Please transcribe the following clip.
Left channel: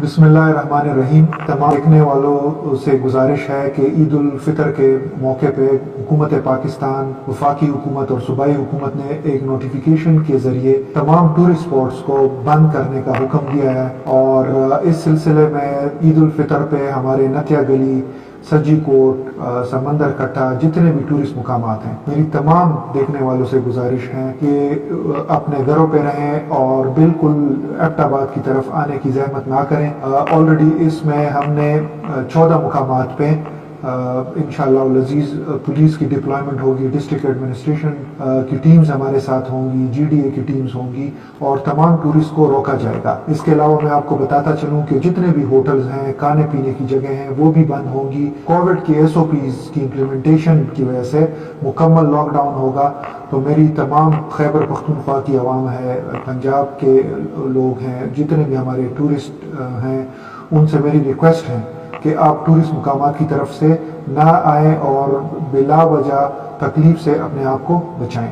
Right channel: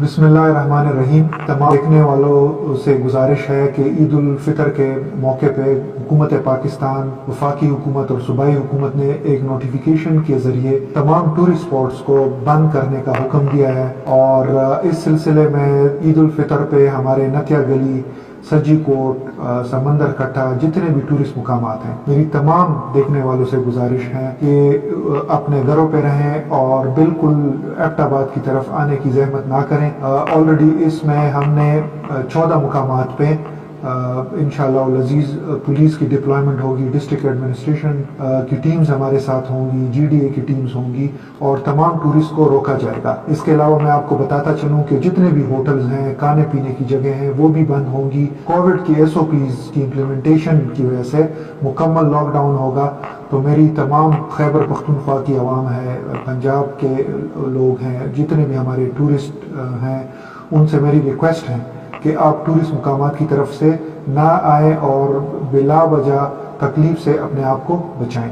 बिस्मिल्लाहिर्रहमानिर्रहीम। तमाम देखने वालों से गुजारिश है कि ईद उल फितर के मौके पे हुकूमत पाकिस्तान, वफाकी हुकूमत और सूबाई हुकूमत ने एक नोटिफिकेशन के ज़रिए तमाम टूरिस्ट स्पॉट्स को बंद करने का हुक्म दिया है। और इस सिलसिले में ईद उल फितर पे हमारे नतिया गली, सज्जी कोट, समंदर कट्टा, जितने भी टूरिस्ट मुकामात हैं, मेरी तमाम देखने वालों से गुजारिश है कि अपने घरों पे रहें और बिल्कुल एबटाबाद की तरफ आने की जहमत ना करें। ऑलरेडी इसमें हमने 14 मुकामात पे इंशाअल्लाह अज़ीज़ पुलिस की डिप्लॉयमेंट होगी, डिस्ट्रिक्ट एडमिनिस्ट्रेशन की टीम्स हमारे साथ होंगी, जीडीए की टीम्स होंगी और तमाम टूरिस्ट को रोका जाएगा। इसके अलावा मैं आपको बताता चलूं कि जितने भी होटल्स हैं, खाने पीने की जगह हैं, वो भी बंद होंगी। कोविड की एसओपीज़ की इम्प्लीमेंटेशन की वजह से मुकम्मल लॉकडाउन होगा। तो मेरी तमाम खैबर पख्तूनख्वा की आवाम है, पंजाब के लोग हैं, जितने भी हमारे टूरिस्ट हैं, उनसे मेरी रिक्वेस्ट है कि आप टूरिस्ट मुकामात की तरफ से ना आएँ और बिला वजह तकलीफ से अपने आप को बचाएं।